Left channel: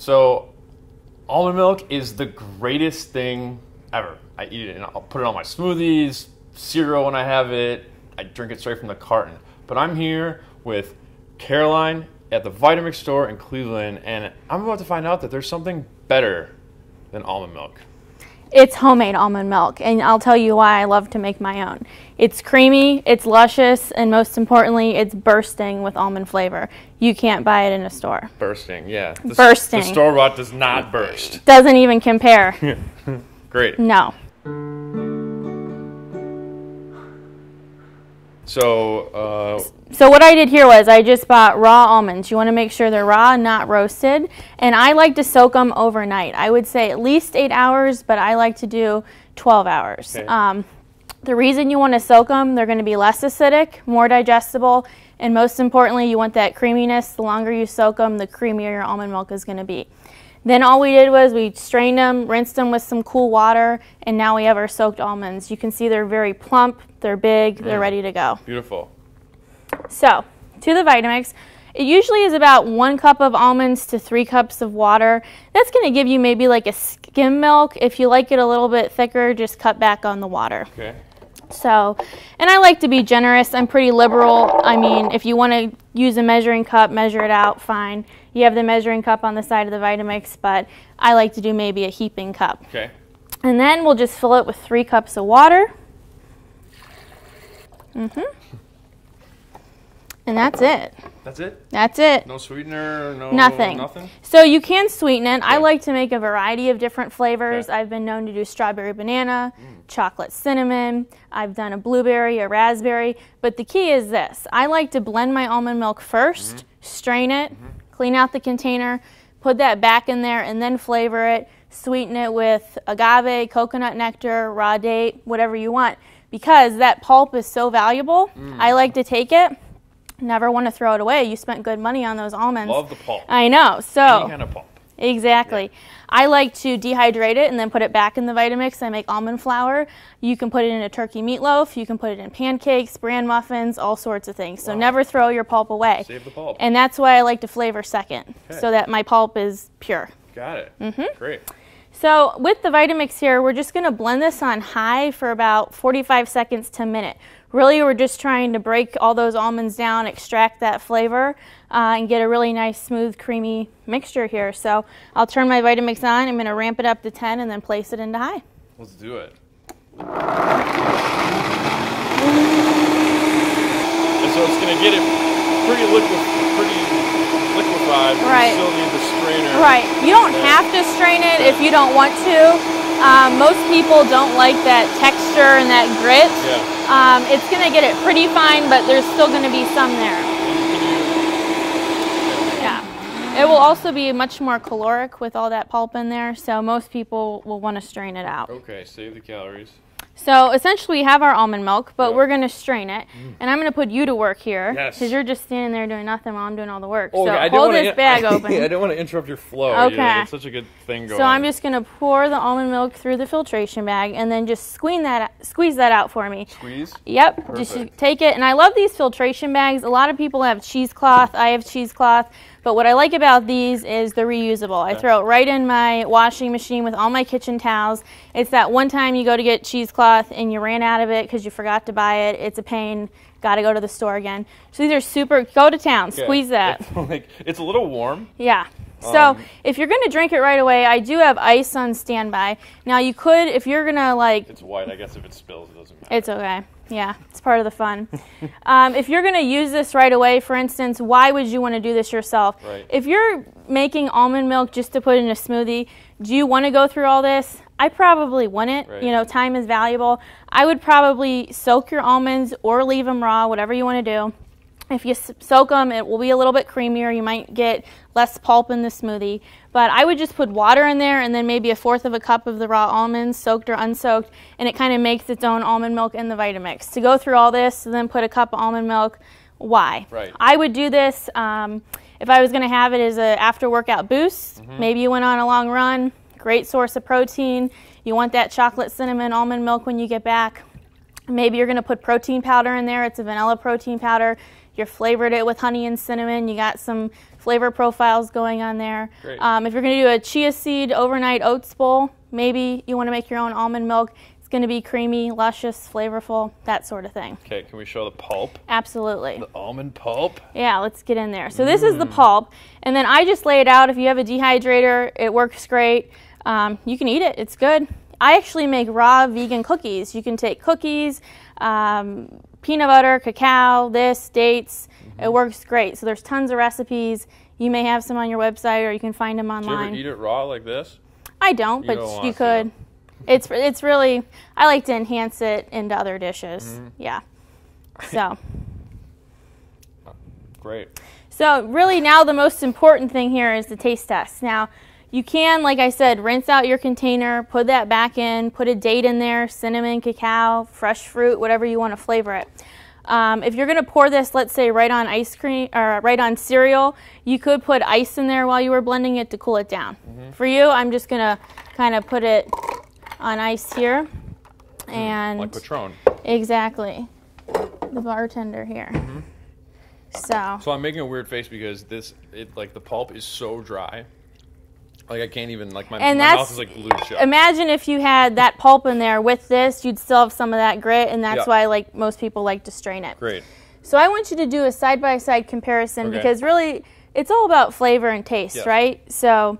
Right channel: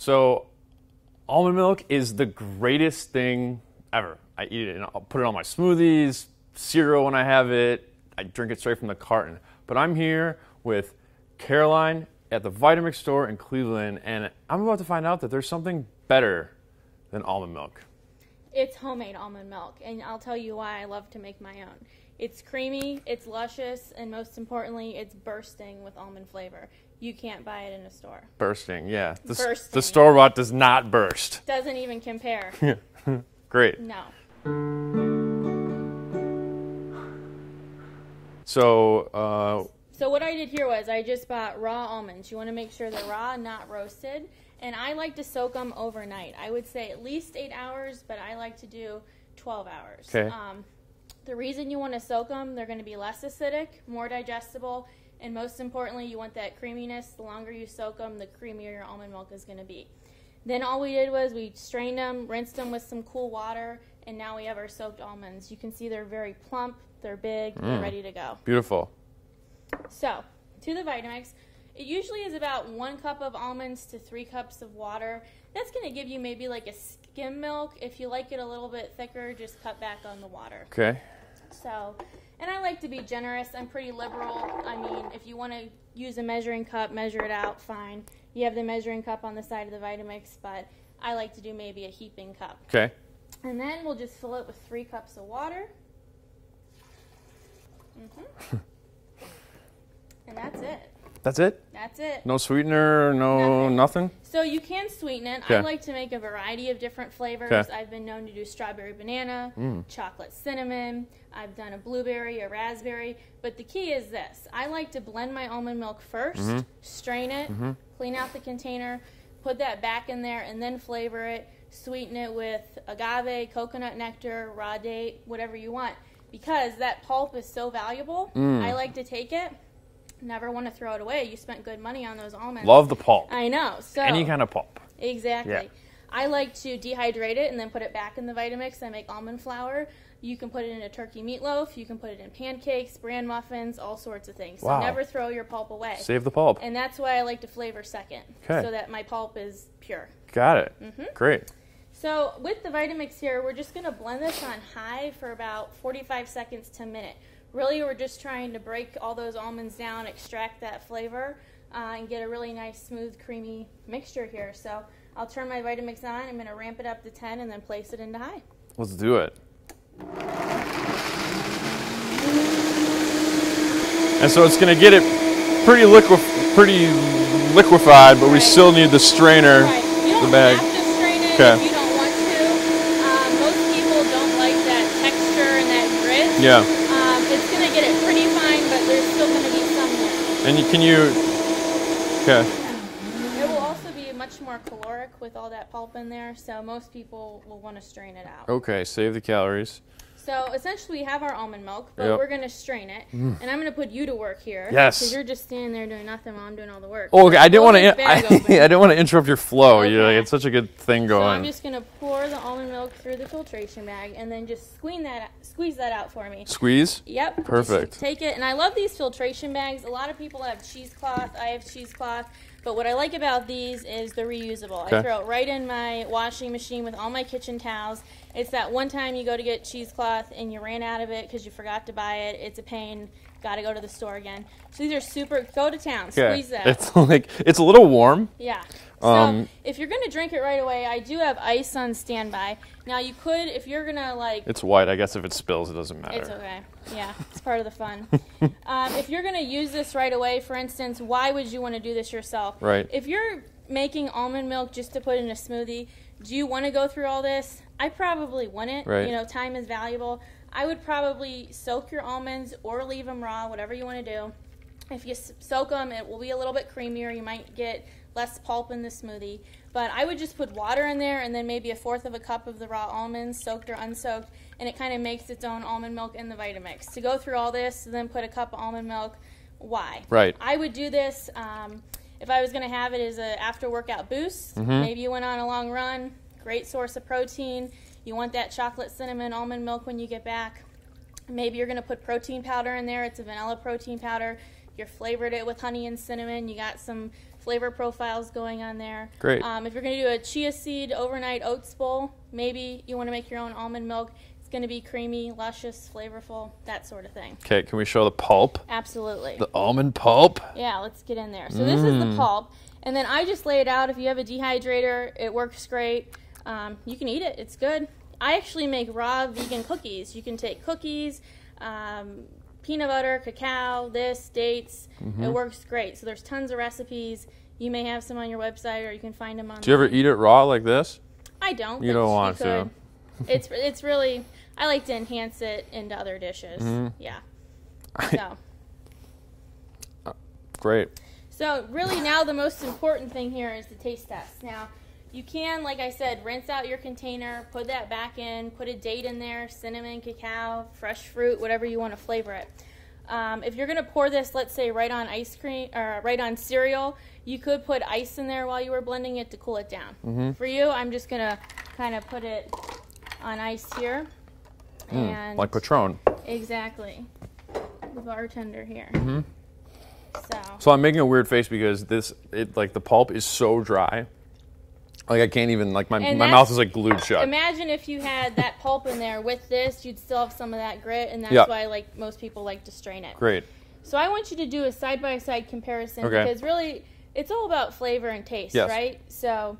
So, almond milk is the greatest thing ever. I eat it and I'll put it on my smoothies, cereal when I have it. I drink it straight from the carton. But I'm here with Carolyne at the Vitamix store in Cleveland, and I'm about to find out that there's something better than almond milk. It's homemade almond milk, and I'll tell you why I love to make my own. It's creamy, it's luscious, and most importantly, it's bursting with almond flavor. You can't buy it in a store. Bursting, yeah. Bursting. The store-bought does not burst. Doesn't even compare. Great. No. So what I did here was I just bought raw almonds. You want to make sure they're raw, not roasted. And I like to soak them overnight. I would say at least 8 hours, but I like to do 12 hours. Okay. The reason you want to soak them, they're going to be less acidic, more digestible, and most importantly, you want that creaminess. The longer you soak them, the creamier your almond milk is going to be. Then all we did was we strained them, rinsed them with some cool water, and now we have our soaked almonds. You can see they're very plump, they're big, they're ready to go. Beautiful. So, to the Vitamix, it usually is about 1 cup of almonds to 3 cups of water. That's going to give you maybe like a skim milk. If you like it a little bit thicker, just cut back on the water. Okay. So, and I like to be generous. I'm pretty liberal. I mean, if you want to use a measuring cup, measure it out, fine. You have the measuring cup on the side of the Vitamix, but I like to do maybe a heaping cup. Okay. And then we'll just fill it with 3 cups of water. And that's it. That's it? That's it. No sweetener, no nothing. So you can sweeten it. Okay. I like to make a variety of different flavors. Okay. I've been known to do strawberry banana, chocolate cinnamon. I've done a blueberry, a raspberry. But the key is this. I like to blend my almond milk first, strain it, clean out the container, put that back in there, and then flavor it. Sweeten it with agave, coconut nectar, raw date, whatever you want. Because that pulp is so valuable, I like to take it. Never want to throw it away. You spent good money on those almonds. Love the pulp. I know. So any kind of pulp. Exactly. Yeah. I like to dehydrate it and then put it back in the Vitamix. I make almond flour. You can put it in a turkey meatloaf. You can put it in pancakes, bran muffins, all sorts of things. So never throw your pulp away. Save the pulp. And that's why I like to flavor second, so that my pulp is pure. Got it. Great. So with the Vitamix here, we're just going to blend this on high for about 45 seconds to a minute. Really, we're just trying to break all those almonds down, extract that flavor, and get a really nice, smooth, creamy mixture here. So I'll turn my Vitamix on. I'm going to ramp it up to 10 and then place it into high. Let's do it. And so it's going to get it pretty liquefied, but we still need the strainer. Right. You don't have to strain it if you don't want to. Most people don't like that texture and that grit. Yeah. It's going to get it pretty fine, but there's still going to be some there. And okay. Yeah. It will also be much more caloric with all that pulp in there, so most people will want to strain it out. Okay, save the calories. So essentially we have our almond milk, but we're going to strain it. And I'm going to put you to work here. Yes. Because you're just standing there doing nothing while I'm doing all the work. Oh, okay. So I didn't want to to interrupt your flow. Okay. It's such a good thing going on. So I'm just going to pour the almond milk through the filtration bag and then just squeeze that out for me. Squeeze? Yep. Perfect. Just take it. And I love these filtration bags. A lot of people have cheesecloth. I have cheesecloth. But what I like about these is they're reusable. I throw it right in my washing machine with all my kitchen towels. It's that one time you go to get cheesecloth and you ran out of it because you forgot to buy it. It's a pain. Got to go to the store again. So these are super, go to town, squeeze that. It's a little warm. Yeah. So if you're going to drink it right away, I do have ice on standby. Now you could, if you're going to It's white. I guess if it spills, it doesn't matter. It's okay. Yeah, it's part of the fun. If you're going to use this right away, for instance, why would you want to do this yourself? Right. If you're making almond milk just to put in a smoothie, do you want to go through all this? I probably wouldn't. Right. You know, time is valuable. I would probably soak your almonds or leave them raw, whatever you want to do. If you soak them, it will be a little bit creamier. You might get less pulp in the smoothie. But I would just put water in there and then maybe 1/4 of a cup of the raw almonds, soaked or unsoaked, and it kind of makes its own almond milk in the Vitamix. To go through all this and then put a cup of almond milk, why? Right. I would do this if I was going to have it as an after-workout boost. Maybe you went on a long run, great source of protein. You want that chocolate cinnamon almond milk when you get back. Maybe you're going to put protein powder in there. It's a vanilla protein powder. You flavored it with honey and cinnamon. You got some flavor profiles going on there. Great. If you're going to do a chia seed overnight oats bowl, maybe you want to make your own almond milk. It's going to be creamy, luscious, flavorful, that sort of thing. Okay, can we show the pulp? Absolutely. The almond pulp? Yeah, let's get in there. So this is the pulp, and then I just lay it out. If you have a dehydrator, it works great. You can eat it. It's good. I actually make raw vegan cookies. You can take cookies, peanut butter, cacao, dates. It works great. So there's tons of recipes. You may have some on your website, or you can find them online. Do you ever eat it raw like this? I don't, but you could. It's really, I like to enhance it into other dishes. Yeah. So. Great. So really now the most important thing here is the taste test. Now, you can, like I said, rinse out your container, put that back in, put a date in there, cinnamon, cacao, fresh fruit, whatever you want to flavor it. If you're going to pour this, let's say, right on ice cream or right on cereal, you could put ice in there while you were blending it to cool it down. For you, I'm just going to kind of put it on ice here. And like Patron. Exactly. The bartender here. So I'm making a weird face because like the pulp is so dry. Like I can't even, like my mouth is like glued shut. Imagine if you had that pulp in there with this, you'd still have some of that grit, and that's why like most people like to strain it. Great. So I want you to do a side-by-side comparison because really it's all about flavor and taste, right? So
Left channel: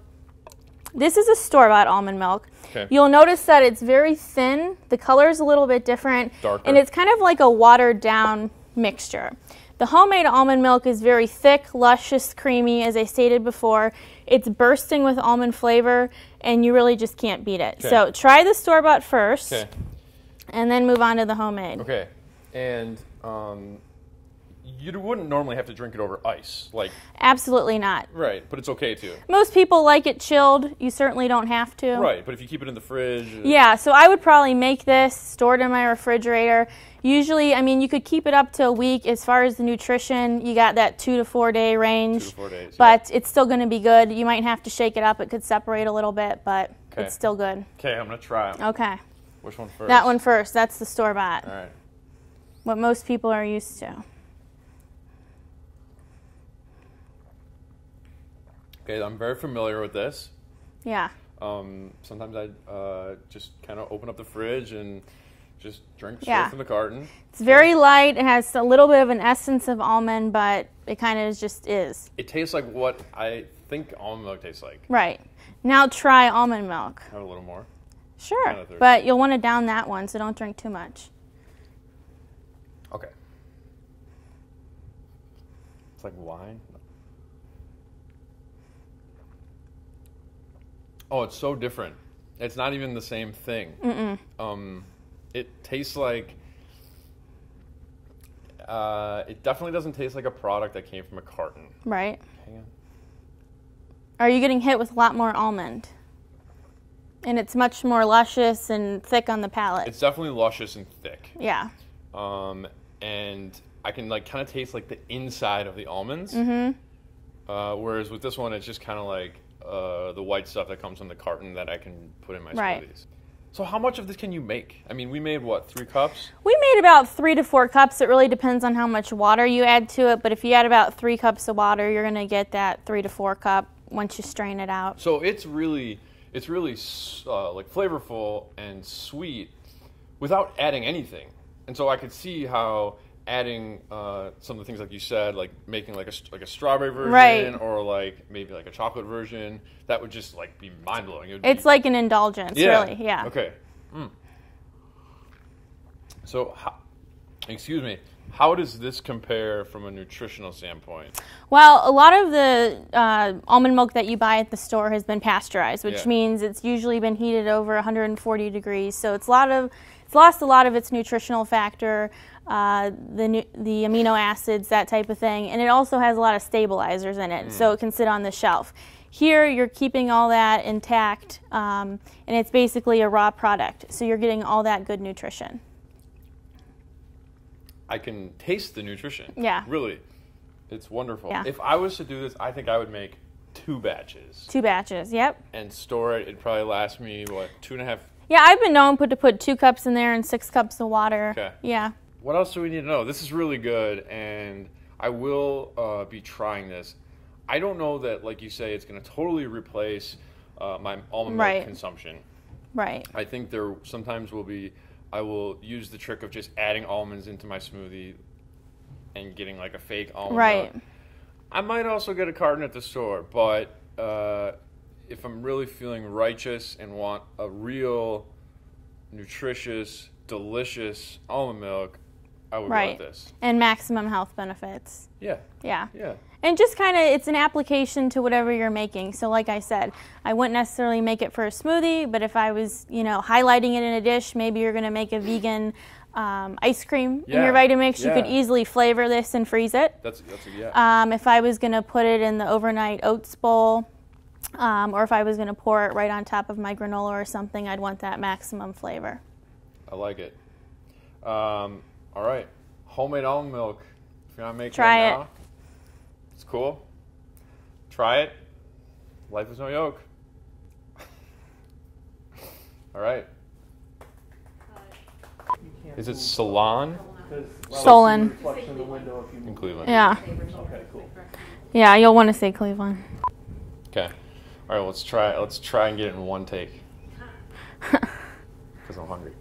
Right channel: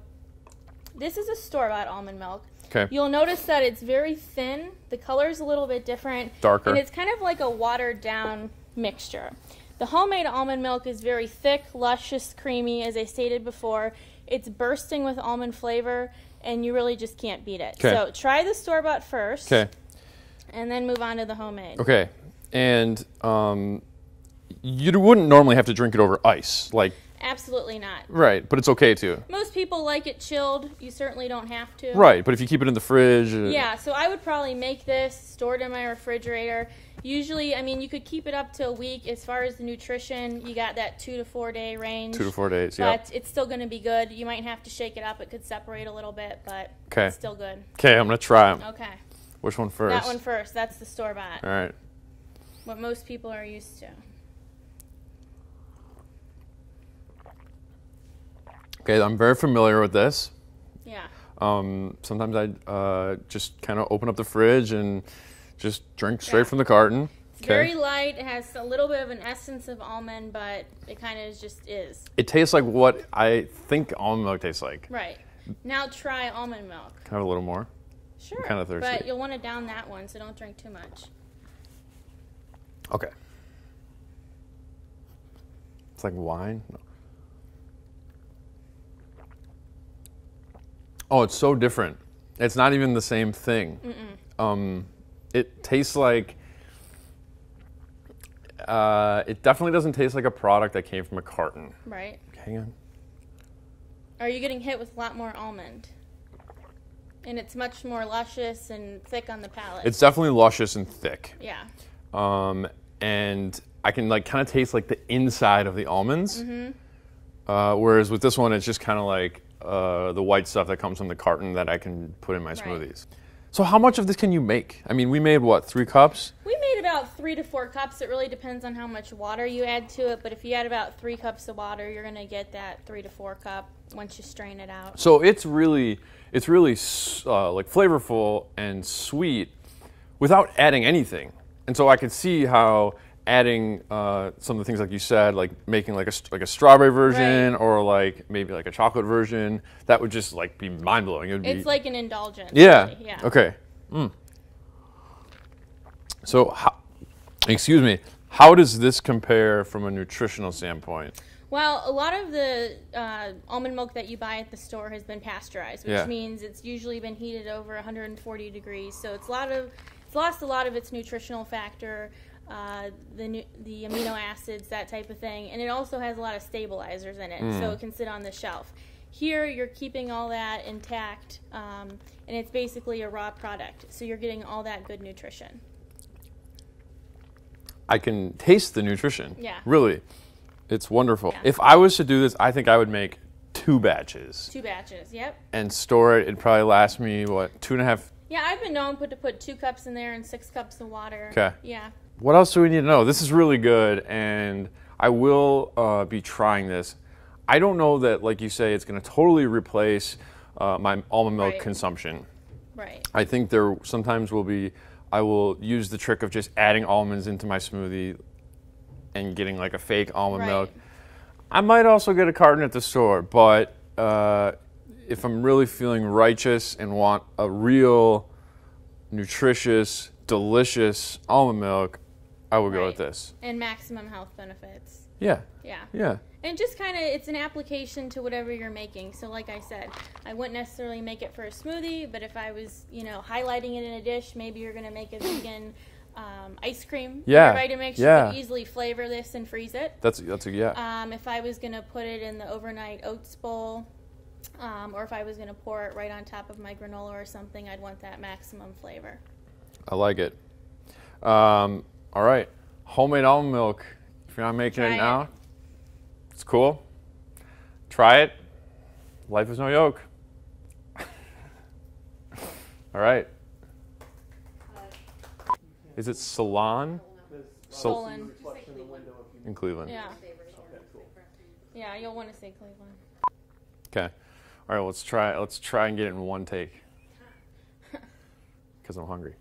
this is a store-bought almond milk. Okay. You'll notice that it's very thin. The color is a little bit different. Darker. And it's kind of like a watered-down mixture. The homemade almond milk is very thick, luscious, creamy, as I stated before. It's bursting with almond flavor, and you really just can't beat it. Okay. So try the store-bought first, Okay. and then move on to the homemade. Okay. And you wouldn't normally have to drink it over ice, like. Absolutely not. Right, but it's okay to. Most people like it chilled. You certainly don't have to. Right, but if you keep it in the fridge. Yeah, so I would probably make this, store it in my refrigerator. Usually, I mean, you could keep it up to a week. As far as the nutrition, you got that 2 to 4 day range. 2 to 4 days, But it's still going to be good. You might have to shake it up. It could separate a little bit, but Okay. it's still good. Okay, I'm going to try them. Okay. Which one first? That one first. That's the store-bought. All right. What most people are used to. Okay, I'm very familiar with this. Yeah. Sometimes I just kind of open up the fridge and just drink straight Yeah. from the carton. It's very light. It has a little bit of an essence of almond, but it kind of just is. It tastes like what I think almond milk tastes like. Right. Now try almond milk. Have a little more. Sure. Kinda thirsty. But you'll want to down that one, so don't drink too much. Okay. It's like wine. Oh, it's so different. It's not even the same thing. It tastes like. It definitely doesn't taste like a product that came from a carton. Right. Hang on. Are you getting hit with a lot more almond? And it's much more luscious and thick on the palate. It's definitely luscious and thick. Yeah. And I can like kind of taste like the inside of the almonds. Whereas with this one, it's just kind of like the white stuff that comes from the carton that I can put in my smoothies. So how much of this can you make? I mean, we made what, 3 cups? We made about 3 to 4 cups. It really depends on how much water you add to it. But if you add about 3 cups of water, you're going to get that 3 to 4 cup once you strain it out. So it's really like flavorful and sweet without adding anything. And so I could see how adding some of the things like you said, like making like a strawberry version or like maybe like a chocolate version, that would just like be mind blowing. It's like an indulgence. Yeah. Really. Yeah. Okay. So, excuse me. How does this compare from a nutritional standpoint? Well, a lot of the almond milk that you buy at the store has been pasteurized, which means it's usually been heated over 140 degrees. So it's lost a lot of its nutritional factor, the amino acids, that type of thing, and it also has a lot of stabilizers in it, so it can sit on the shelf. Here, you're keeping all that intact, and it's basically a raw product, so you're getting all that good nutrition. I can taste the nutrition. Yeah. Really. It's wonderful. Yeah. If I was to do this, I think I would make 2 batches. 2 batches, yep. And store it. It'd probably last me, what, 2.5? Yeah, I've been known to put 2 cups in there and 6 cups of water. Okay. Yeah. What else do we need to know? This is really good, and I will be trying this. I don't know that, like you say, it's going to totally replace my almond milk consumption. Right. I think there sometimes will be, I will use the trick of just adding almonds into my smoothie and getting like a fake almond milk. I might also get a carton at the store, but if I'm really feeling righteous and want a real nutritious, delicious almond milk, I would go with this. And maximum health benefits. Yeah. Yeah. Yeah. And just kind of, it's an application to whatever you're making. So like I said, I wouldn't necessarily make it for a smoothie, but if I was, you know, highlighting it in a dish, maybe you're going to make a vegan ice cream in your Vitamix. You could easily flavor this and freeze it. That's a If I was going to put it in the overnight oats bowl, or if I was going to pour it right on top of my granola or something, I'd want that maximum flavor. I like it. All right. Homemade almond milk. If you're not making it now, it's cool. Try it. Life is no yoke. All right. Is it Salon? Solon. In Cleveland. Yeah. Okay, cool. Yeah, you'll want to say Cleveland. Okay. All right, let's try and get it in one take. Because I'm hungry.